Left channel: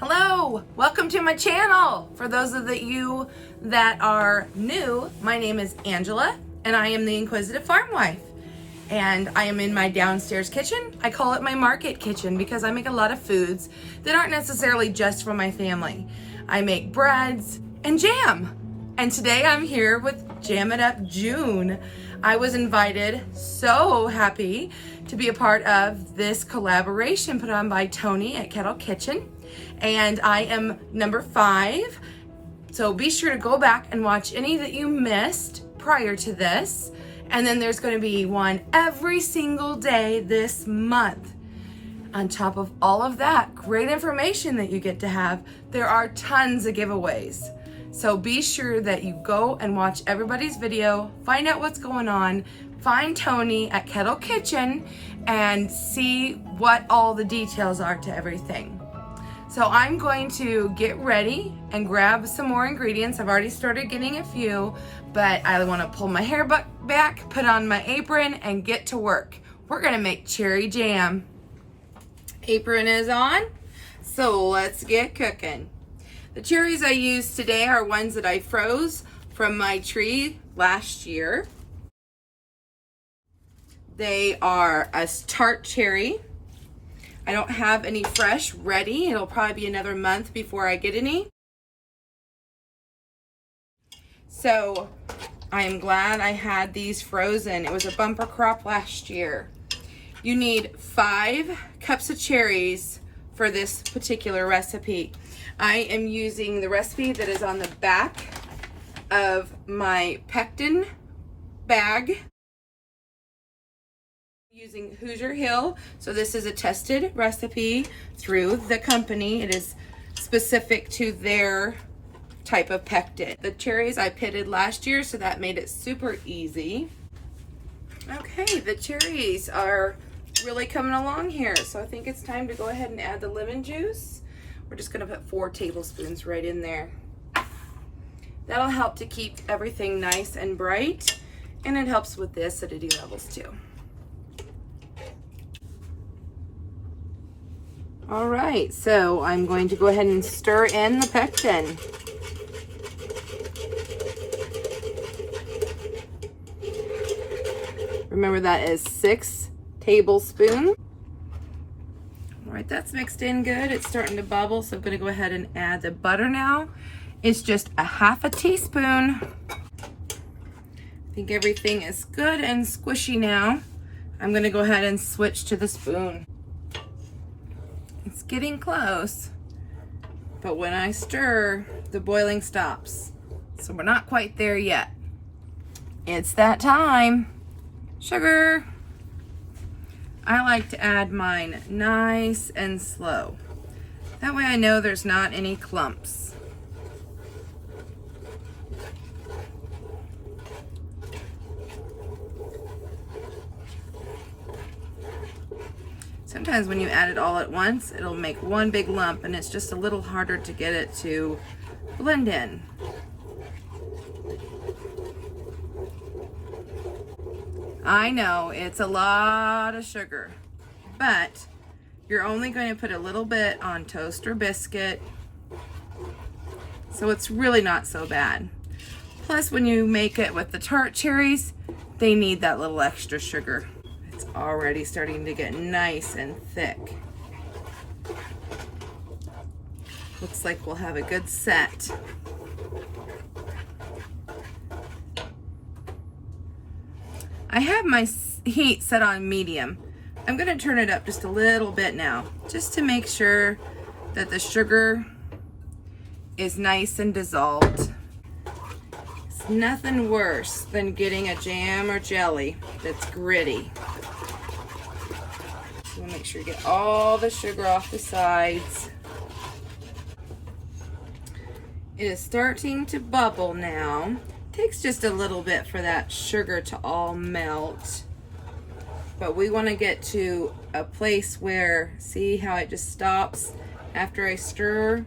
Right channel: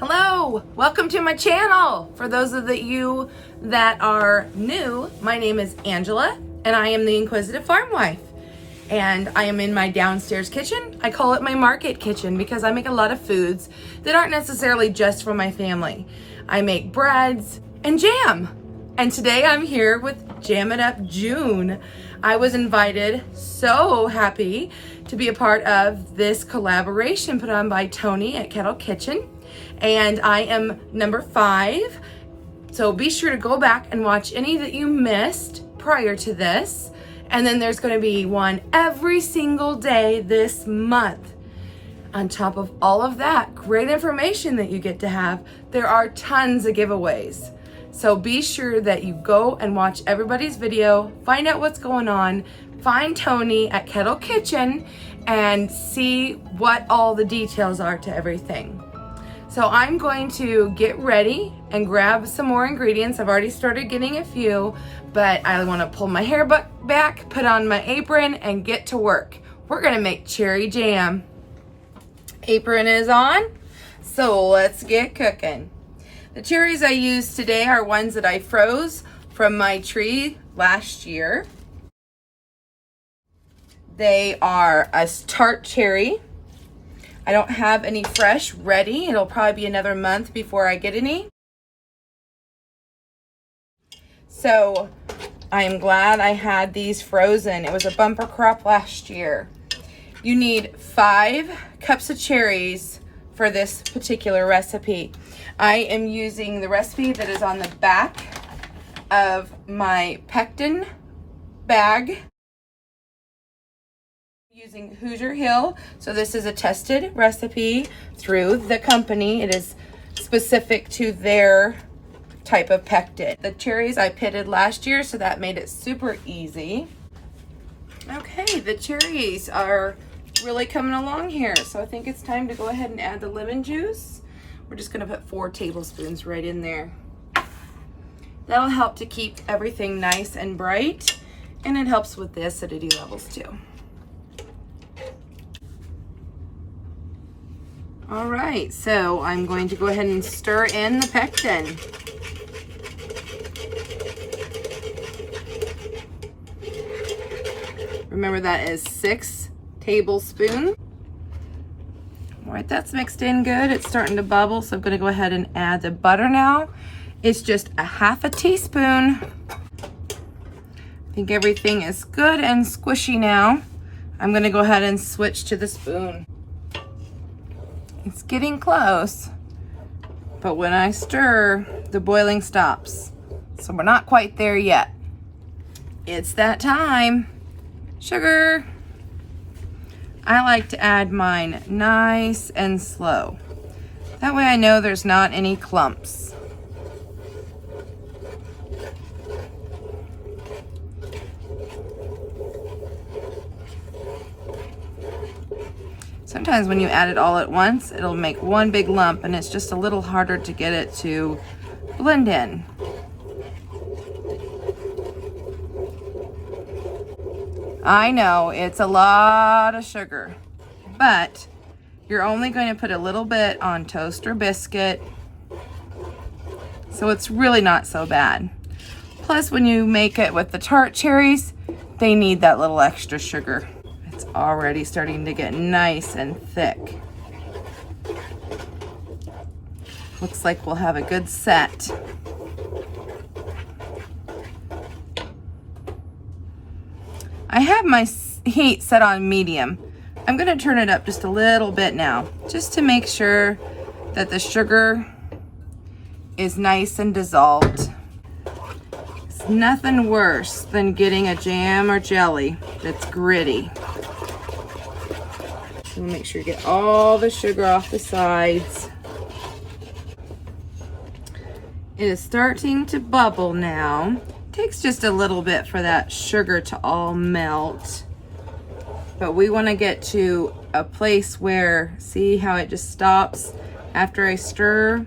Hello, welcome to my channel. For those of you that are new, my name is Angela and I am the Inquisitive Farmwife. And I am in my downstairs kitchen. I call it my market kitchen because I make a lot of foods that aren't necessarily just for my family. I make breads and jam. And today I'm here with Jam It Up June. I was invited, so happy to be a part of this collaboration put on by Tony at Kettle Kitchen. And I am number 5. So be sure to go back and watch any that you missed prior to this. And then there's going to be one every single day this month. On top of all of that great information that you get to have, there are tons of giveaways. So be sure that you go and watch everybody's video, find out what's going on, find Tony at Kettle Kitchen, and see what all the details are to everything. So I'm going to get ready and grab some more ingredients. I've already started getting a few, but I want to pull my hair back, put on my apron, and get to work. We're gonna make cherry jam. Apron is on, so let's get cooking. The cherries I used today are ones that I froze from my tree last year. They are a Tart Cherry. I don't have any fresh ready. It'll probably be another month before I get any. So I'm glad I had these frozen. It was a bumper crop last year. You need 5 cups of cherries for this particular recipe. I am using the recipe that is on the back of my pectin bag. Using Hoosier Hill, so this is a tested recipe through the company. It is specific to their type of pectin. The cherries I pitted last year, so that made it super easy. Okay, the cherries are really coming along here, so I think it's time to go ahead and add the lemon juice. We're just going to put 4 tablespoons right in there. That'll help to keep everything nice and bright, and it helps with the acidity levels too. All right, so I'm going to go ahead and stir in the pectin. Remember that is 6 tablespoons. All right, that's mixed in good. It's starting to bubble, so I'm gonna go ahead and add the butter now. It's just a 1/2 teaspoon. I think everything is good and squishy now. I'm gonna go ahead and switch to the spoon. It's getting close, but when I stir, the boiling stops. So we're not quite there yet. It's that time. Sugar. I like to add mine nice and slow. That way I know there's not any clumps. Sometimes when you add it all at once, it'll make one big lump and it's just a little harder to get it to blend in. I know it's a lot of sugar, but you're only going to put a little bit on toast or biscuit, so it's really not so bad. Plus, when you make it with the Tart Cherries, they need that little extra sugar. It's already starting to get nice and thick. Looks like we'll have a good set. I have my heat set on medium. I'm going to turn it up just a little bit now, just to make sure that the sugar is nice and dissolved. It's nothing worse than getting a jam or jelly that's gritty. So make sure you get all the sugar off the sides. It is starting to bubble now. Takes just a little bit for that sugar to all melt, but we want to get to a place where, see how it just stops after I stir?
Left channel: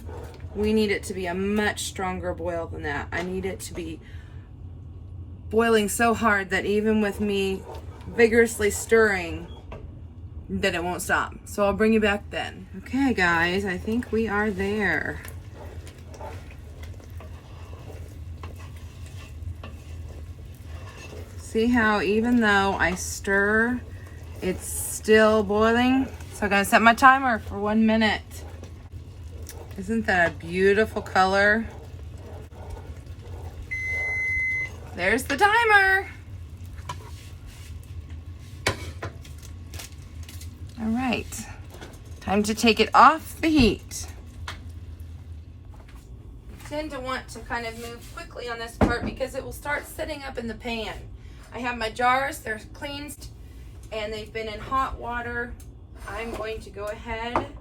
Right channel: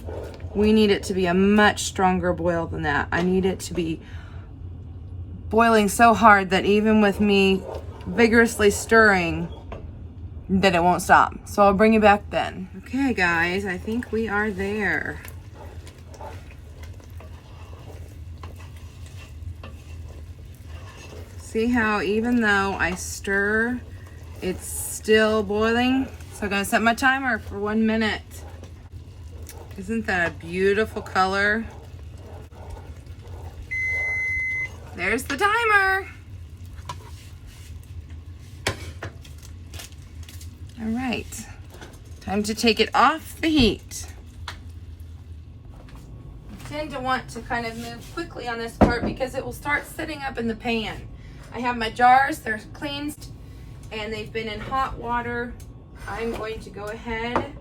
We need it to be a much stronger boil than that. I need it to be boiling so hard that even with me vigorously stirring, then it won't stop. So I'll bring you back then. Okay guys, I think we are there. See how even though I stir, it's still boiling? So I'm gonna set my timer for 1 minute. Isn't that a beautiful color? There's the timer. All right, time to take it off the heat. I tend to want to kind of move quickly on this part because it will start sitting up in the pan. I have my jars, they're cleansed and they've been in hot water. I'm going to go ahead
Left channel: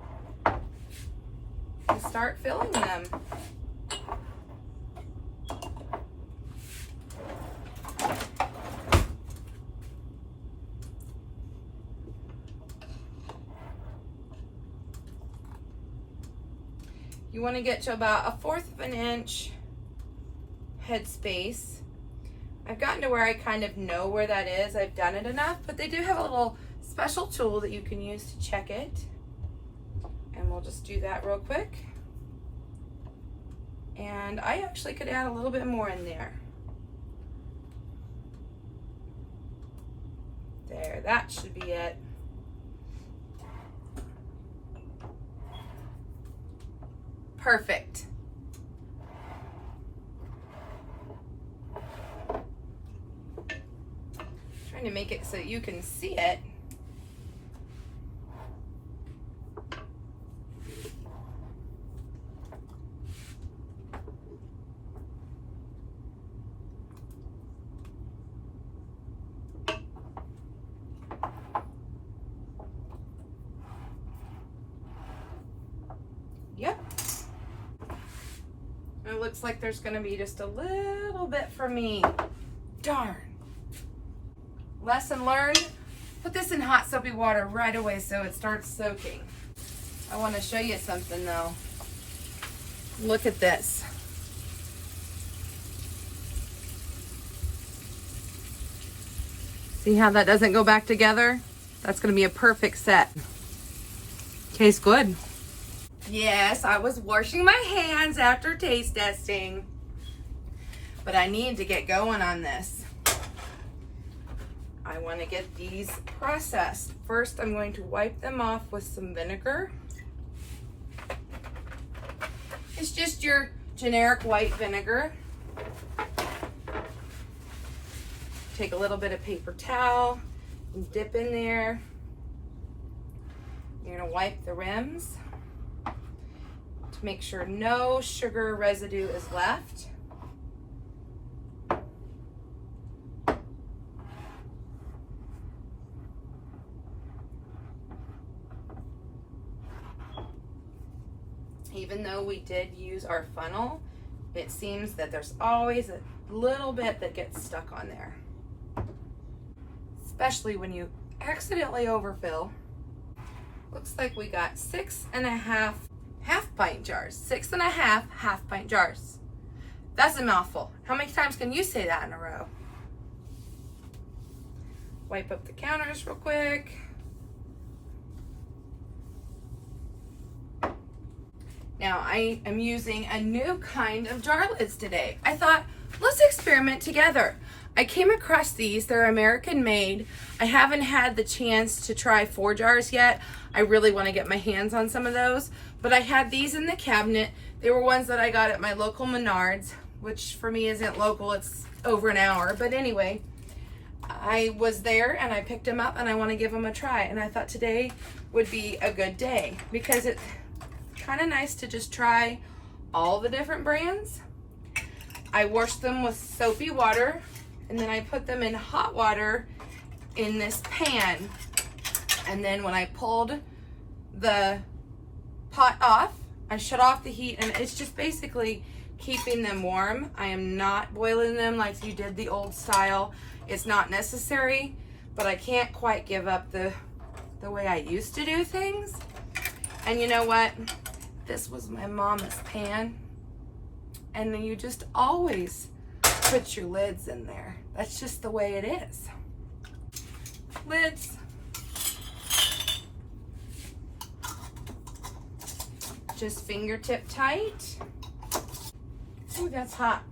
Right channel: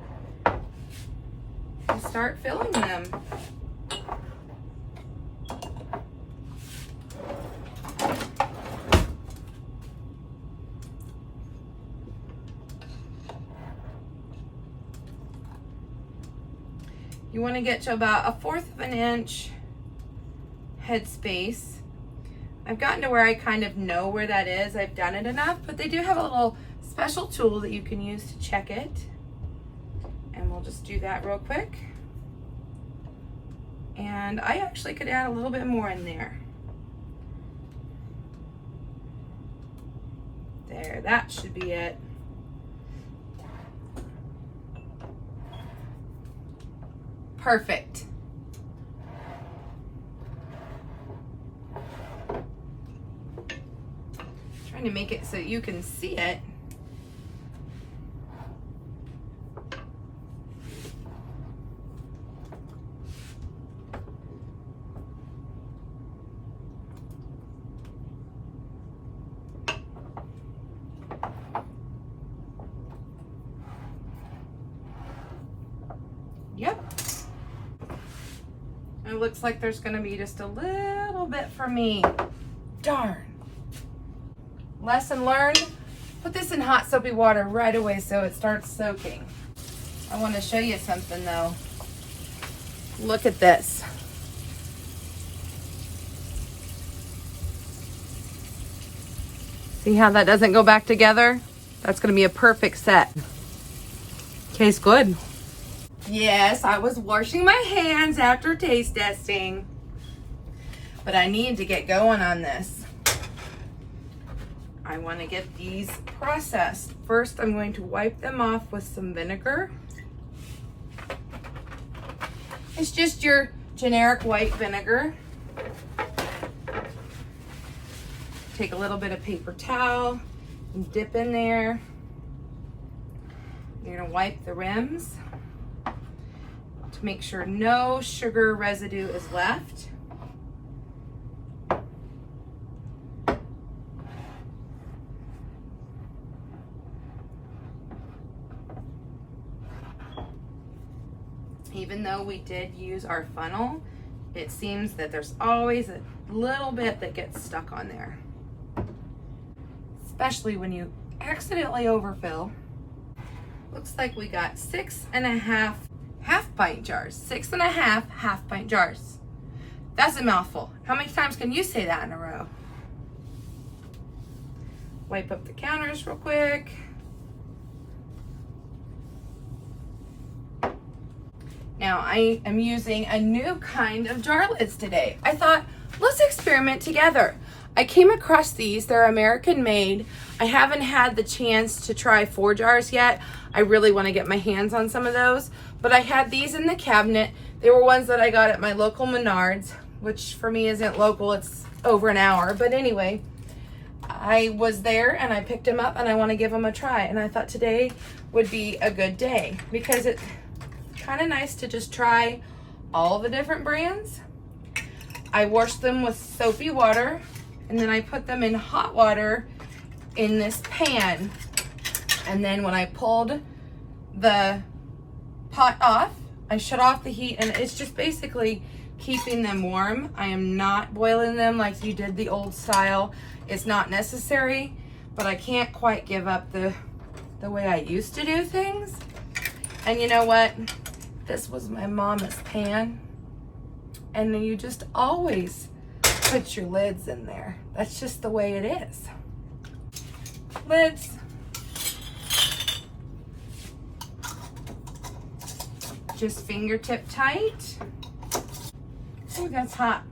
and start filling them. You want to get to about 1/4 of an inch headspace. I've gotten to where I kind of know where that is. I've done it enough, but they do have a little special tool that you can use to check it. And we'll just do that real quick. And I actually could add a little bit more in there. There, that should be it. Perfect. Trying to make it so you can see it. Yep. It looks like there's gonna be just a little bit for me. Darn. Lesson learned. Put this in hot soapy water right away so it starts soaking. I want to show you something though. Look at this. See how that doesn't go back together? That's gonna be a perfect set. Tastes good. Yes, I was washing my hands after taste testing, but I need to get going on this. I want to get these processed. First, I'm going to wipe them off with some vinegar. It's just your generic white vinegar. Take a little bit of paper towel and dip in there. You're gonna wipe the rims to make sure no sugar residue is left. Even though we did use our funnel, it seems that there's always a little bit that gets stuck on there, especially when you accidentally overfill. Looks like we got 6.5 half-pint jars. 6.5 half-pint jars. That's a mouthful. How many times can you say that in a row? Wipe up the counters real quick. Now I am using a new kind of jar lids today. I thought, let's experiment together. I came across these, they're American made. I haven't had the chance to try 4 jars yet. I really want to get my hands on some of those, but I had these in the cabinet. They were ones that I got at my local Menards, which for me isn't local, it's over an hour. But anyway, I was there and I picked them up and I want to give them a try. And I thought today would be a good day because it's kind of nice to just try all the different brands. I washed them with soapy water and then I put them in hot water in this pan. And then when I pulled the pot off, I shut off the heat and it's just basically keeping them warm. I am not boiling them like you did the old style. It's not necessary, but I can't quite give up the way I used to do things. And you know what? This was my mama's pan. And you just always put your lids in there. That's just the way it is. Lids. just fingertip tight. Ooh, that's hot.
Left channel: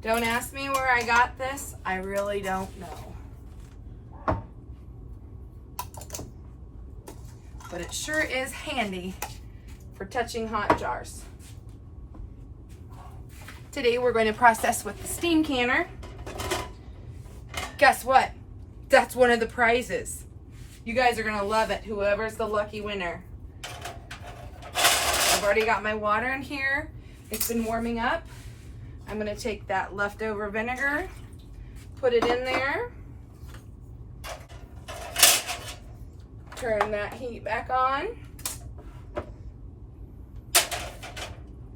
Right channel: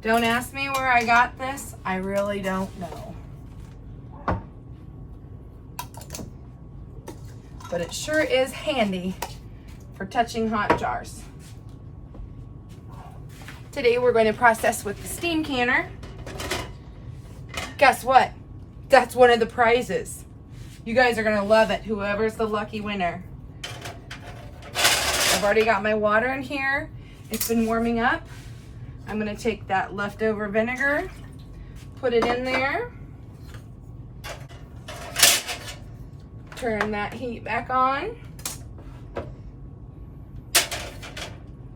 Don't ask me where I got this. I really don't know. But it sure is handy for touching hot jars. Today we're going to process with the steam canner. Guess what? That's one of the prizes. You guys are gonna love it, whoever's the lucky winner. I've already got my water in here. It's been warming up. I'm gonna take that leftover vinegar, put it in there. Turn that heat back on.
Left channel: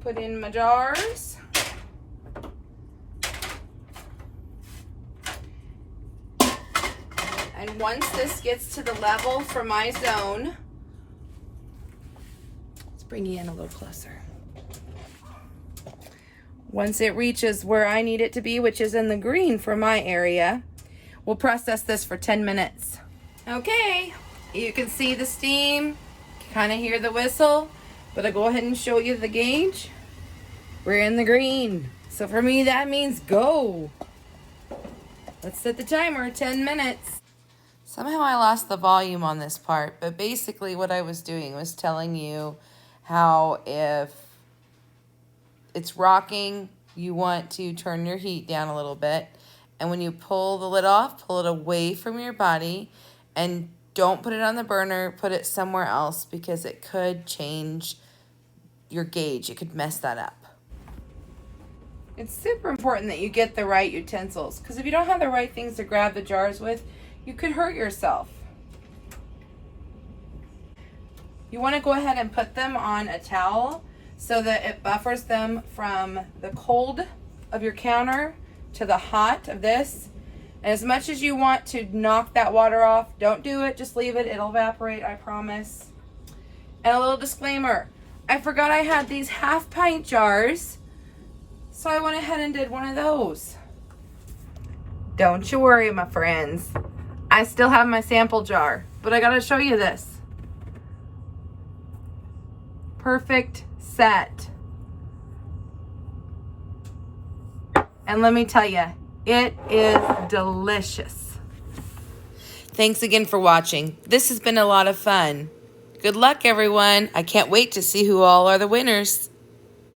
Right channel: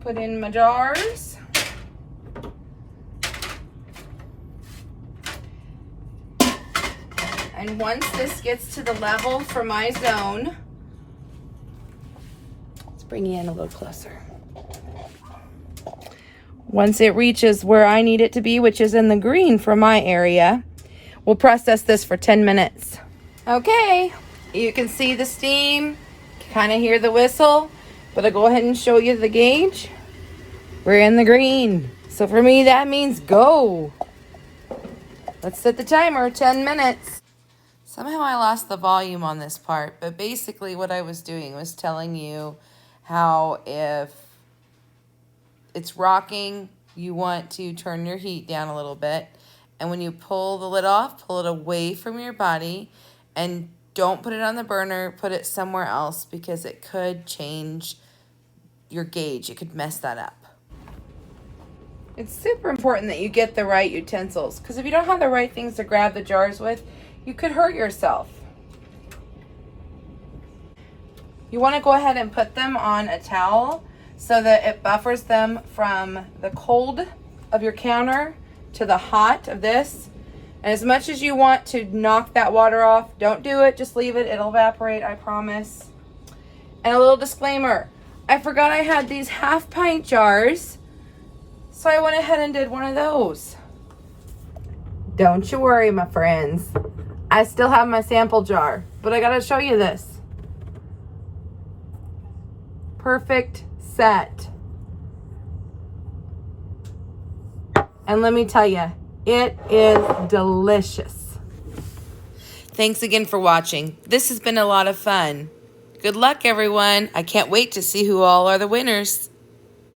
Put in my jars. And once this gets to the level for my zone, let's bring you in a little closer. Once it reaches where I need it to be, which is in the green for my area, we'll process this for 10 minutes. Okay, you can see the steam, kind of hear the whistle, but I'll go ahead and show you the gauge. We're in the green. So for me, that means go. Let's set the timer, 10 minutes. Somehow I lost the volume on this part, but basically what I was doing was telling you how if it's rocking, you want to turn your heat down a little bit. And when you pull the lid off, pull it away from your body and don't put it on the burner, put it somewhere else because it could change your gauge. It could mess that up. It's super important that you get the right utensils because if you don't have the right things to grab the jars with, you could hurt yourself. You want to go ahead and put them on a towel so that it buffers them from the cold of your counter to the hot of this. And as much as you want to knock that water off, don't do it, just leave it, it'll evaporate, I promise. And a little disclaimer, I forgot I had these half-pint jars, so I went ahead and did one of those. Don't you worry, my friends. I still have my sample jar, but I gotta show you this. Perfect set. And let me tell you, it is delicious. Thanks again for watching. This has been a lot of fun. Good luck, everyone. I can't wait to see who all are the winners.